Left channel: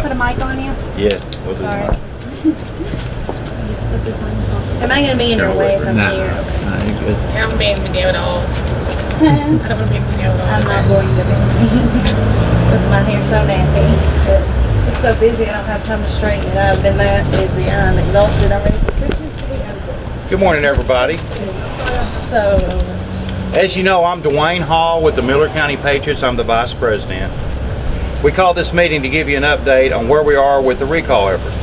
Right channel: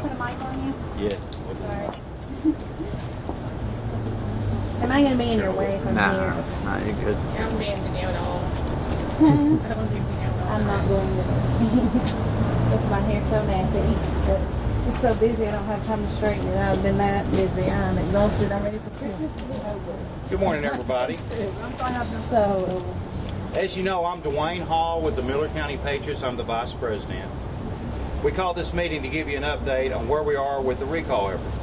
I put a mic on you? Yeah, we'll do Sorry. that. Just put this on. Am I going to be in your way if I'm Nah, here? nah, you're good. I don't be in video at all. I don't want to be in video at all. I'm not going to be. With my hair so nappy. But it's so busy I don't have time to straighten it. I've been that busy. I'm exhausted. I'm ready for Christmas to be over. Good morning, everybody. So, As you know, I'm Dwayne Hall with the Miller County Patriots. I'm the Vice President. We called this meeting to give you an update on where we are with the recall effort.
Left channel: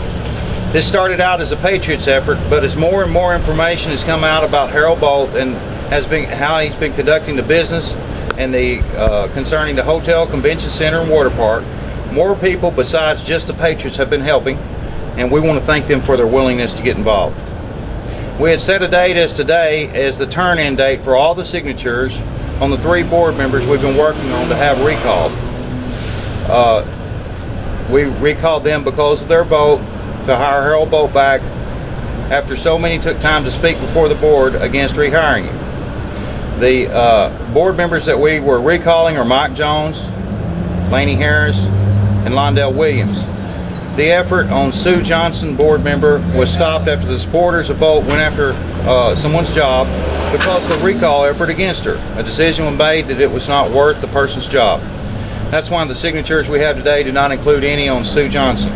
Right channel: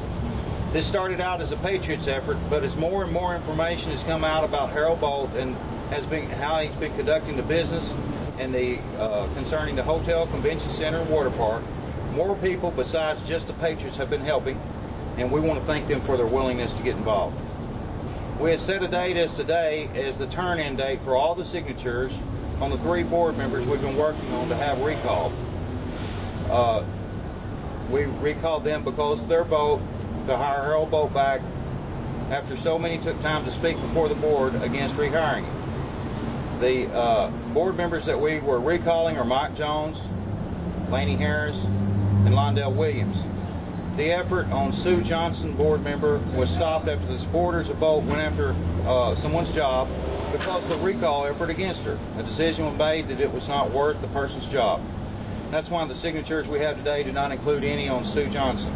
This started out as a Patriots effort, but as more and more information has come out about Harold Bolt and how he's been conducting the business and concerning the hotel, convention center, and water park, more people besides just the Patriots have been helping, and we want to thank them for their willingness to get involved. We had set a date as today as the turn-in date for all the signatures on the 3 board members we've been working on to have recalled. We recalled them because of their vote to hire Harold Bolt back after so many took time to speak before the board against rehiring him. The board members that we were recalling are Mike Jones, Laney Harris, and Londell Williams. The effort on Sue Johnson, board member, was stopped after the supporters of Bolt went after someone's job because of the recall effort against her. A decision was made that it was not worth the person's job. That's why the signatures we have today do not include any on Sue Johnson.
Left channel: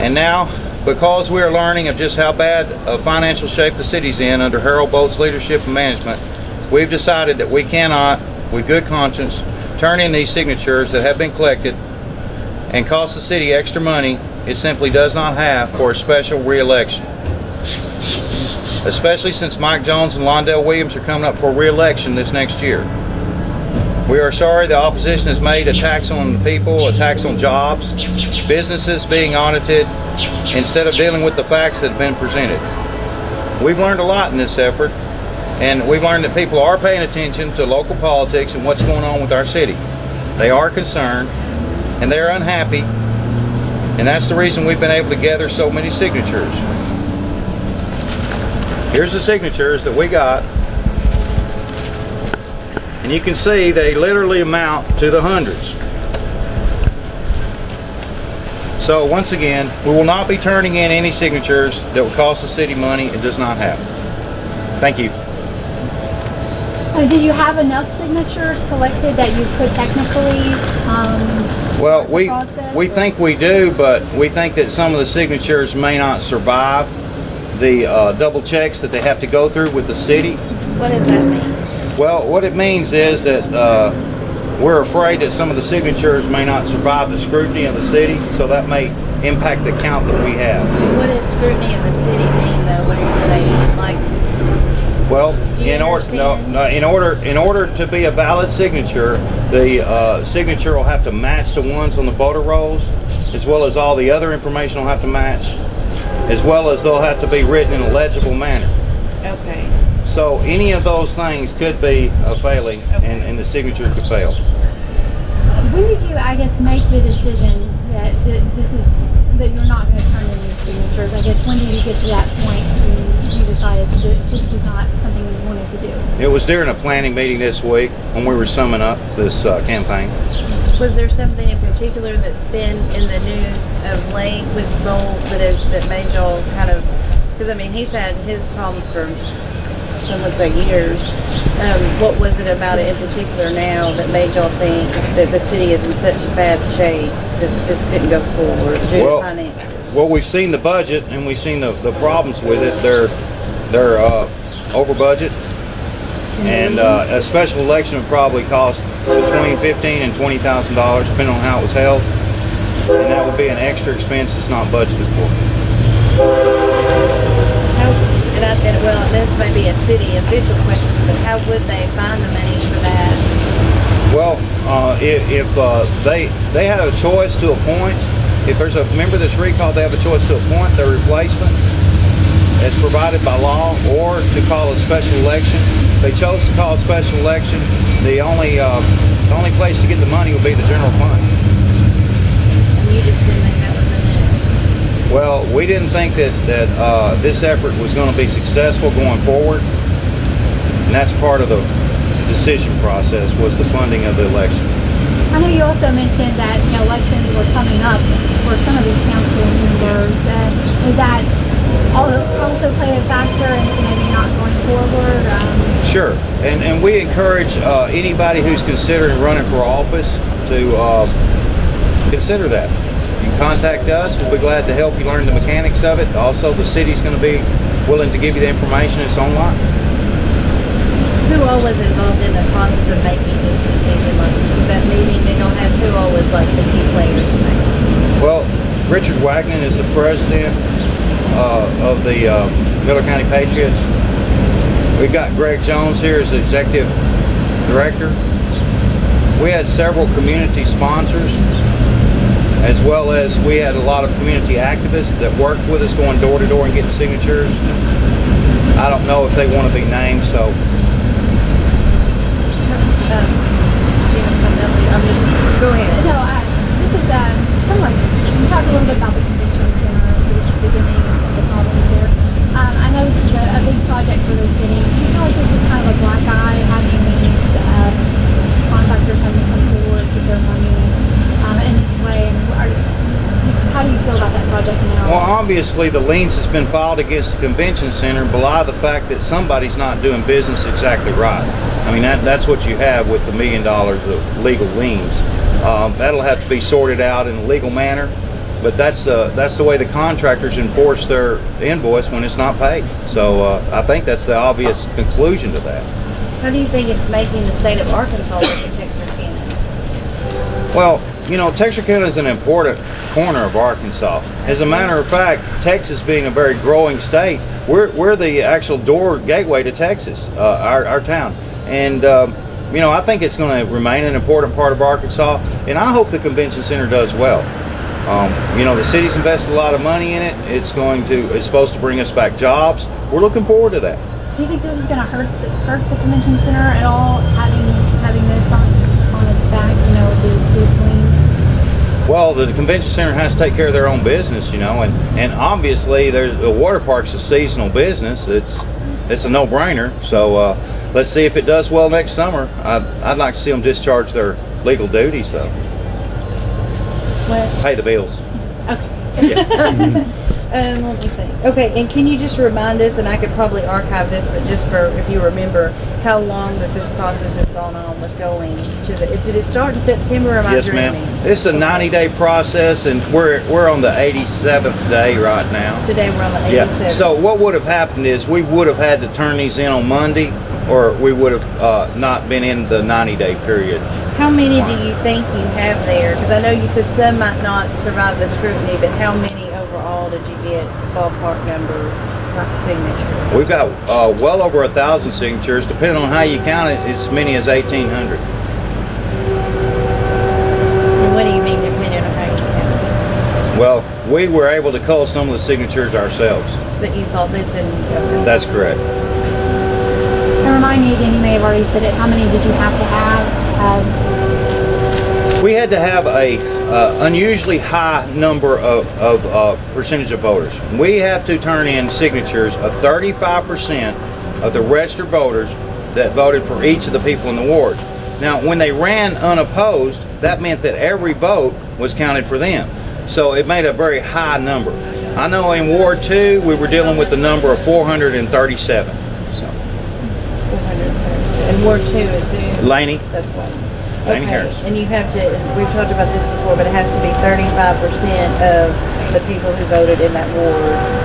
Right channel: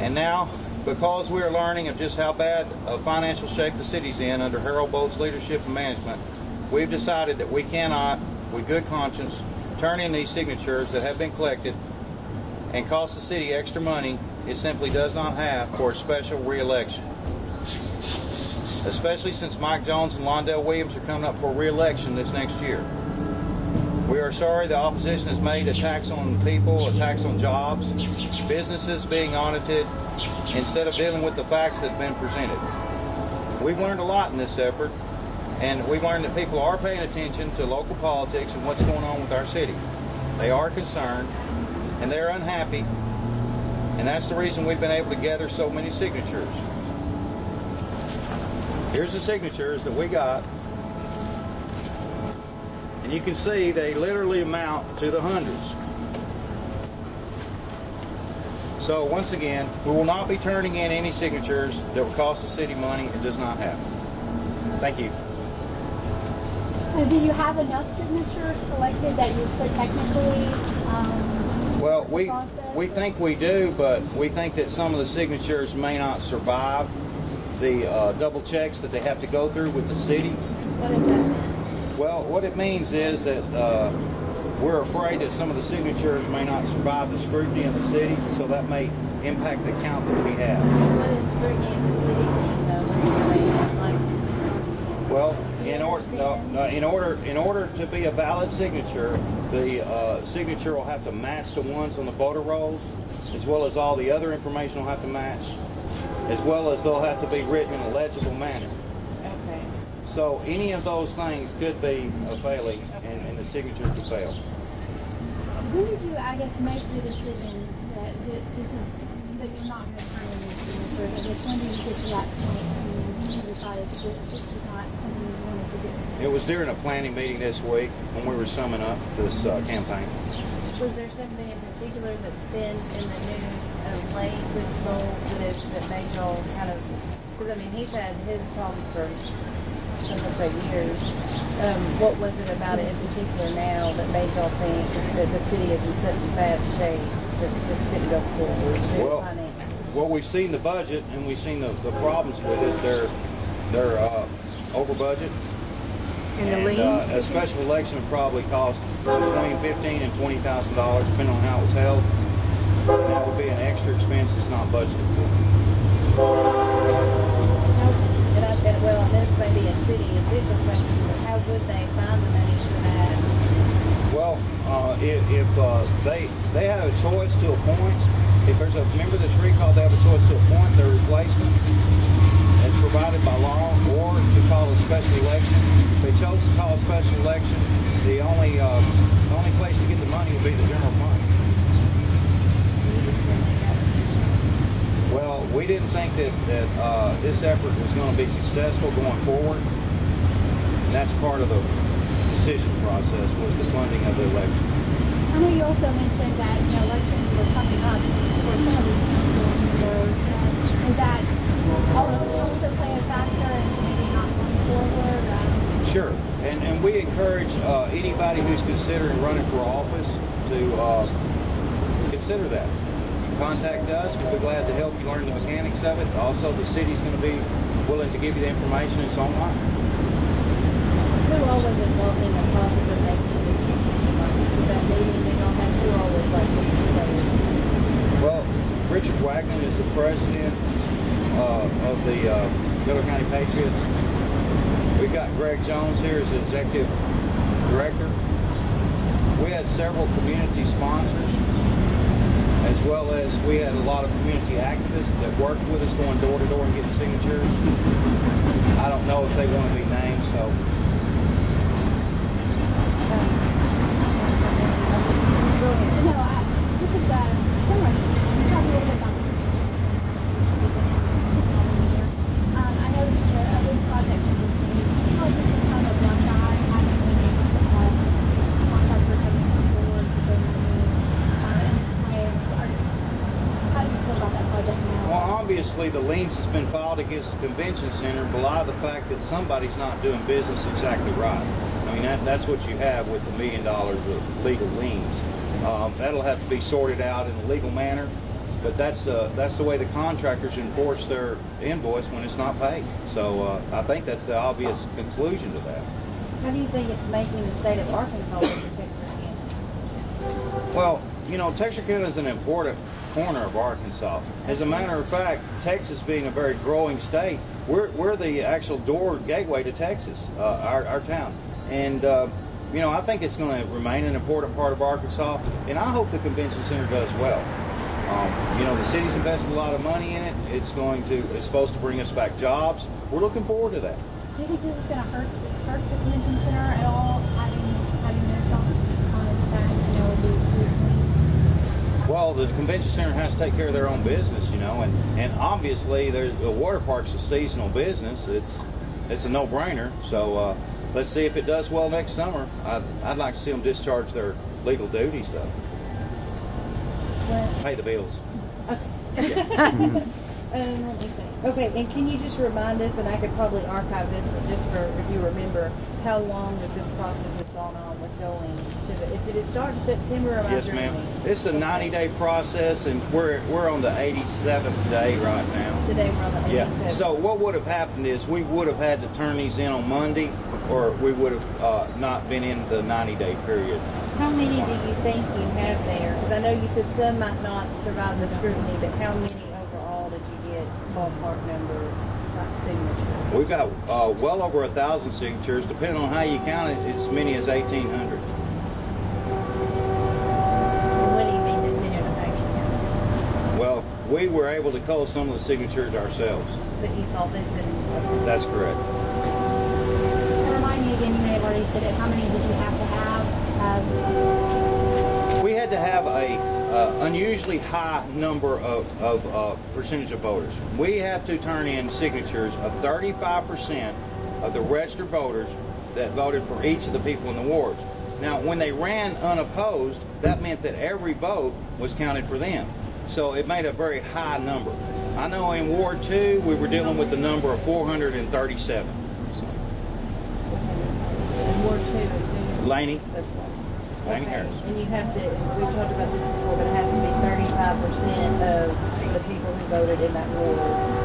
And now, because we are learning of just how bad of financial shape the city's in under Harold Bolt's leadership and management, we've decided that we cannot, with good conscience, turn in these signatures that have been collected and cost the city extra money it simply does not have for a special re-election. Especially since Mike Jones and Londell Williams are coming up for re-election this next year. We are sorry the opposition has made a tax on the people, a tax on jobs, businesses being audited, instead of dealing with the facts that have been presented. We've learned a lot in this effort, and we've learned that people are paying attention to local politics and what's going on with our city. They are concerned, and they're unhappy, and that's the reason we've been able to gather so many signatures. Here's the signatures that we got. And you can see they literally amount to the hundreds. So once again, we will not be turning in any signatures that will cost the city money it does not have. Thank you. Did you have enough signatures collected that you could technically well, we think we do, but we think that some of the signatures may not survive the double checks that they have to go through with the city. what does that mean? Well, what it means is that we're afraid that some of the signatures may not survive the scrutiny of the city, so that may impact the count that we have. What does scrutiny of the city mean, though? What are you saying? Like, well, in order to be a valid signature, the signature will have to match the ones on the voter rolls, as well as all the other information will have to match, as well as they'll have to be written in a legible manner. okay. So any of those things could be a failing, Okay. and the signature could fail. When did you, I guess, make the decision that that you're not going to turn in these signatures? I guess when did you get to that point when you decided that this was not something you wanted to do? It was during a planning meeting this week when we were summing up this campaign. Was there something in particular that's been in the news of late with Bolt that made y'all kind of, because I mean he's had his problems for some would say years. What was it about it in particular now that made y'all think that the city is in such bad shape that this couldn't go forward due to finances? Well, we've seen the budget and we've seen the problems with it. They're over budget, and a special election would probably cost between $15,000 and $20,000 depending on how it was held, and that would be an extra expense that's not budgeted for. Well, this may be a city official question, but how would they find the money for that? Well, if they had a choice to appoint, if there's a member that's recalled, they have a choice to appoint their replacement as provided by law, or to call a special election. If they chose to call a special election, the only place to get the money would be the general fund. And you just didn't think that was enough? Well, we didn't think that this effort was going to be successful going forward, and that's part of the decision process, was the funding of the election. I know you also mentioned that elections were coming up for some of the council members. Does that also play a factor into maybe not going forward? Sure, and we encourage anybody who's considering running for office to consider that. You can contact us. We'll be glad to help you learn the mechanics of it. Also, the city's going to be willing to give you the information. It's online. Who all was involved in the process of making this decision? Like, was that meeting they don't have, who all was like the key players in that? Well, Richard Wagner is the president of the Miller County Patriots. We've got Greg Jones here as the executive director. We had several community sponsors, as well as we had a lot of community activists that worked with us going door to door and getting signatures. I don't know if they want to be named, so. Go ahead. No, this is somewhat, you talked a little bit about the convention center at the beginning and the problem there. I know this is a big project for the city. Do you feel like this is kind of a black eye, having these contractors having to come forward with their money in this way? How do you feel about that project now? Well, obviously the liens that's been filed against the convention center belie the fact that somebody's not doing business exactly right. I mean, that's what you have with the $1 million of legal liens. That'll have to be sorted out in a legal manner, but that's the way the contractors enforce their invoice when it's not paid. So I think that's the obvious conclusion to that. How do you think it's making the state of Arkansas look at Texarkana? Well, Texarkana is an important corner of Arkansas. As a matter of fact, Texas being a very growing state, we're the actual gateway to Texas, our town. And I think it's going to remain an important part of Arkansas, and I hope the convention center does well. The city's invested a lot of money in it. It's supposed to bring us back jobs. We're looking forward to that. Do you think this is going to hurt the convention center at all, having this on its back, these liens? Well, the convention center has to take care of their own business, and obviously the water park's a seasonal business. It's a no-brainer. So let's see if it does well next summer. I'd like to see them discharge their legal duties, though. What? Pay the bills. Okay. Yeah. Let me think. Okay, and can you just remind us, and I could probably archive this, but just for if you remember, how long that this process has gone on with going to the? Did it start in September? Or am Yes, I dreaming? ma'am. It's a 90-day process, and we're on the 87th day right now. Today we're on the 87th. Yeah. So what would have happened is we would have had to turn these in on Monday, or we would have not been in the 90-day period. How many do you think you have there? Because I know you said some might not survive the scrutiny, but how many overall did you get ballpark number signatures? We've got well over 1,000 signatures. Depending on how you count it, it's as many as 1,800. And what do you mean depending on how you count it? Well, we were able to cull some of the signatures ourselves. That you thought this in? Okay. That's correct. And remind me again, you may have already said it, how many did you have to have? We had to have a unusually high number of percentage of voters. We have to turn in signatures of 35% of the registered voters that voted for each of the people in the ward. Now, when they ran unopposed, that meant that every vote was counted for them. So it made a very high number. I know in Ward 2, we were dealing with the number of 437. So. 437. And Ward 2 is who? Laney. That's Laney. Laney Okay, Harris. and you have to, we've talked about this before, but it has to be 35% of the people who voted in that ward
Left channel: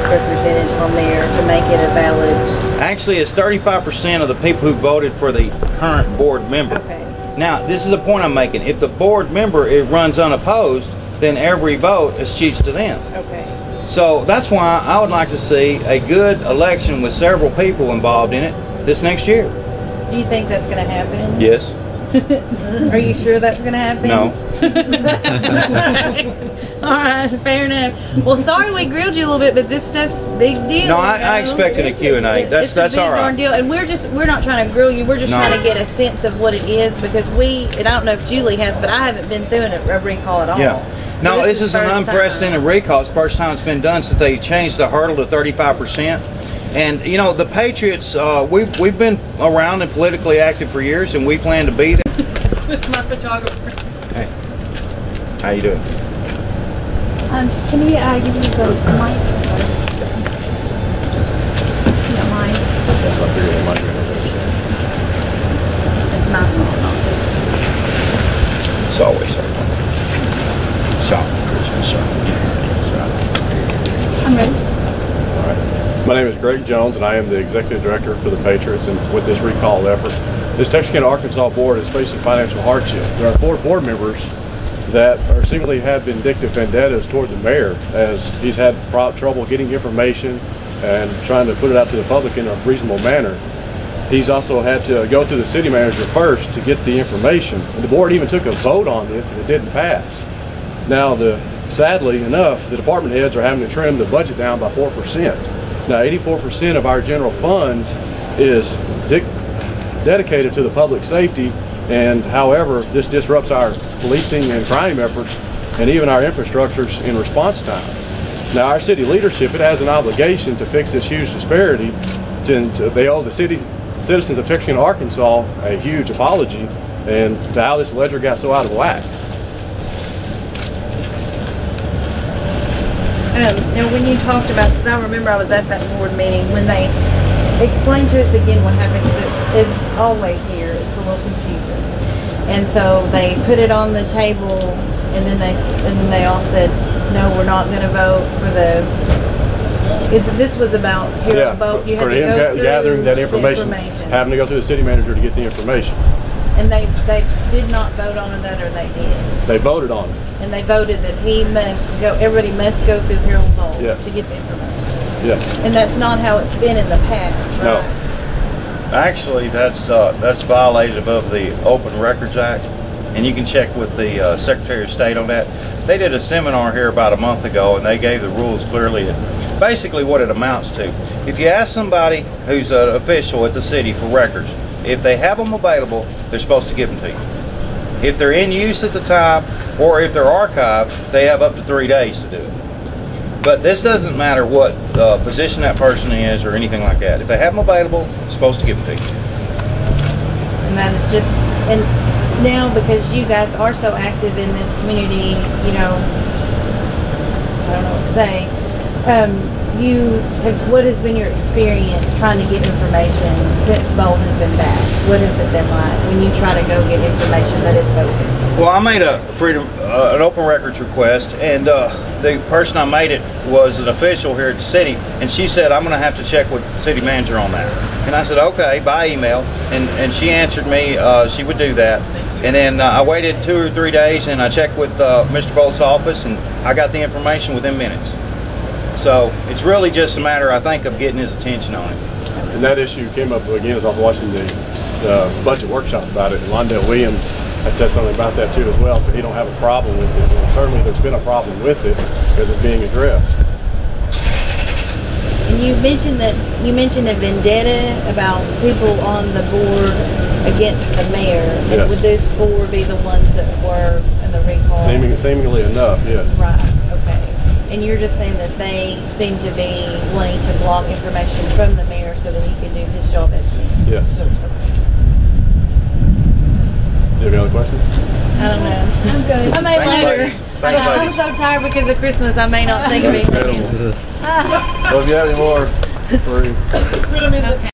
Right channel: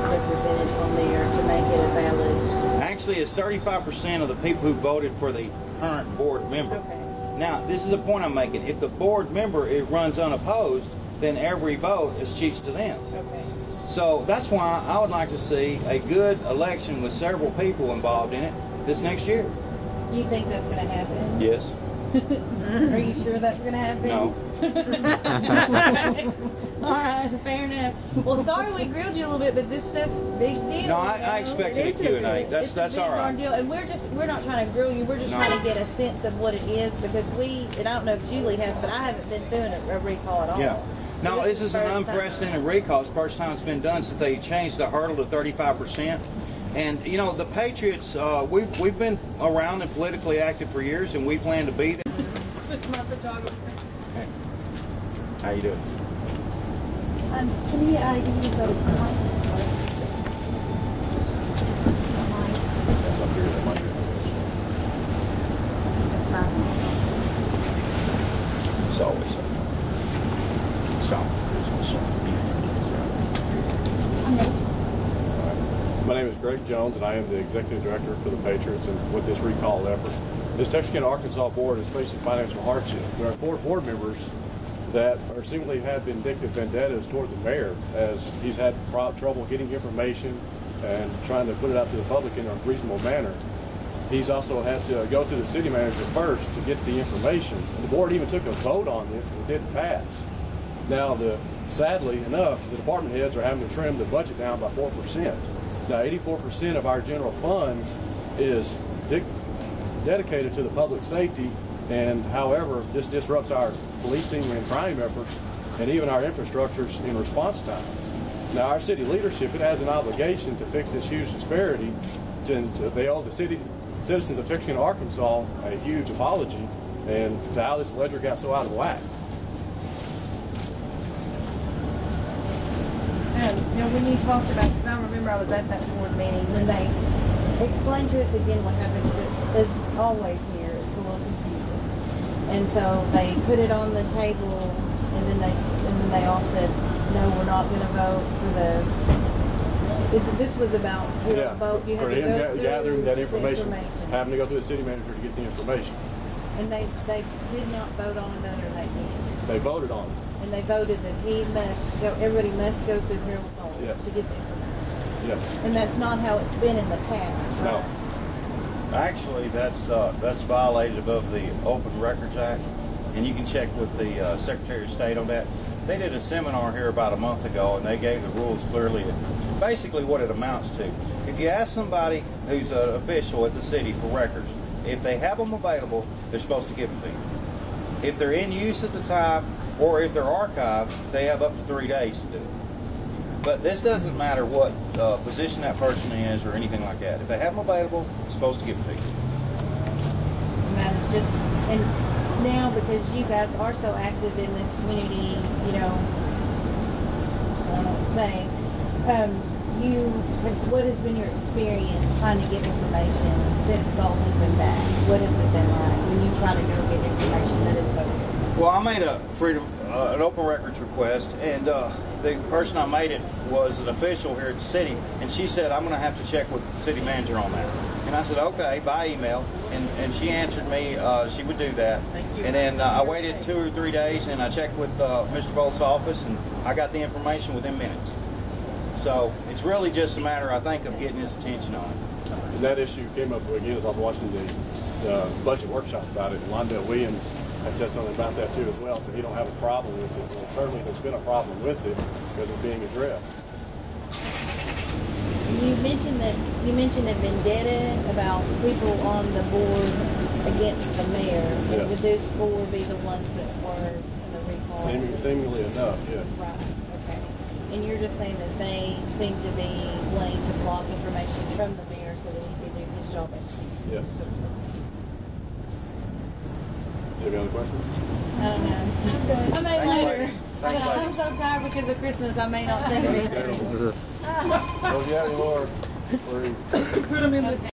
represented on there to make it a valid. Actually, it's 35% of the people who voted for the current board member. Okay. Now, this is a point I'm making. If the board member runs unopposed, then every vote eschews to them. Okay. So that's why I would like to see a good election with several people involved in it this next year. Do you think that's going to happen? Yes. Are you sure that's going to happen? No. All right, fair enough. Well, sorry we grilled you a little bit, but this stuff's a big deal. No, I expected a Q&A. That's it's a big all right. darn deal, and we're not trying to grill you. We're just trying to get a sense of what it is, because and I don't know if Julie has, but I haven't been through a recall at all. Yeah. No, So this is an unprecedented recall. It's the first time it's been done since they changed the hurdle to 35%. And the Patriots, we've been around and politically active for years, and we plan to be there. That's my photographer. How you doing? Can we give you the mic? If you don't mind. That's what I figured it might be. It's my fault. It's always her. Shop, Christmas shop. That's right. I'm ready. All right. My name is Greg Jones, and I am the Executive Director for the Patriots. And with this recall effort, this Texarkana, Arkansas board is facing financial hardship. There are 4 board members that are seemingly have vindictive vendettas toward the mayor, as he's had trouble getting information and trying to put it out to the public in a reasonable manner. He's also had to go to the city manager first to get the information. And the board even took a vote on this and it didn't pass. Now, sadly enough, the department heads are having to trim the budget down by 4%. Now, 84% of our general funds is dedicated to the public safety, and however, this disrupts our policing and crime efforts and even our infrastructures in response times. Now, our city leadership, it has an obligation to fix this huge disparity. They owe the citizens of Texarkana, Arkansas a huge apology and to how this ledger got so out of whack. Now, when you talked about, because I remember I was at that board meeting when they explained to us again what happened, because it's always here, it's a little confusing. And so they put it on the table, and then they all said, no, we're not going to vote for the. This was about vote. You had to go through gathering that information, information, having to go through the city manager to get the information. And they did not vote on it, or they did. They voted on it. And they voted that he must go. Everybody must go through Harold Bolt Yes. to get the information. Yes. And that's not how it's been in the past, right? No. Actually, that's violated of the Open Records Act, and you can check with the Secretary of State on that. They did a seminar here about a month ago, and they gave the rules clearly. Basically, what it amounts to: if you ask somebody who's an official at the city for records, if they have them available, they're supposed to give them to you. If they're in use at the time, or if they're archived, they have up to 3 days to do it. But this doesn't matter what position that person is or anything like that. If they have them available, they're supposed to give them to you. And that is just, and now because you guys are so active in this community, you know, I don't know what to say, what has been your experience trying to get information since Bolt has been back? What has it been like when you try to go get information that is voted? Well, I made an open records request, and the person I made it was an official here at the city, and she said, I'm going to have to check with the city manager on that. And I said, okay, by email, and she answered me she would do that. And then I waited 2 or 3 days, and I checked with Mr. Bolt's office, and I got the information within minutes. So it's really just a matter, I think, of getting his attention on it. And that issue came up again as I was watching the budget workshop about it, and Londell Williams had said something about that too as well, so he don't have a problem with it. And certainly there's been a problem with it because it's being addressed. And you mentioned a vendetta about people on the board against the mayor. Yes. And would those 4 be the ones that were in the recall? Seemingly enough, yes. Right, okay. And you're just saying that they seem to be wanting to block information from the mayor so that he can do his job as mayor? Yes. Do you have any other questions? I don't know. I'm good. I may Thanks, later. ladies. Thanks, I'm ladies. so tired because of Christmas. I may not think of anything. Incredible. Well, if you have any more, Put them in the